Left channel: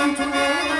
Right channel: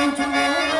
into me.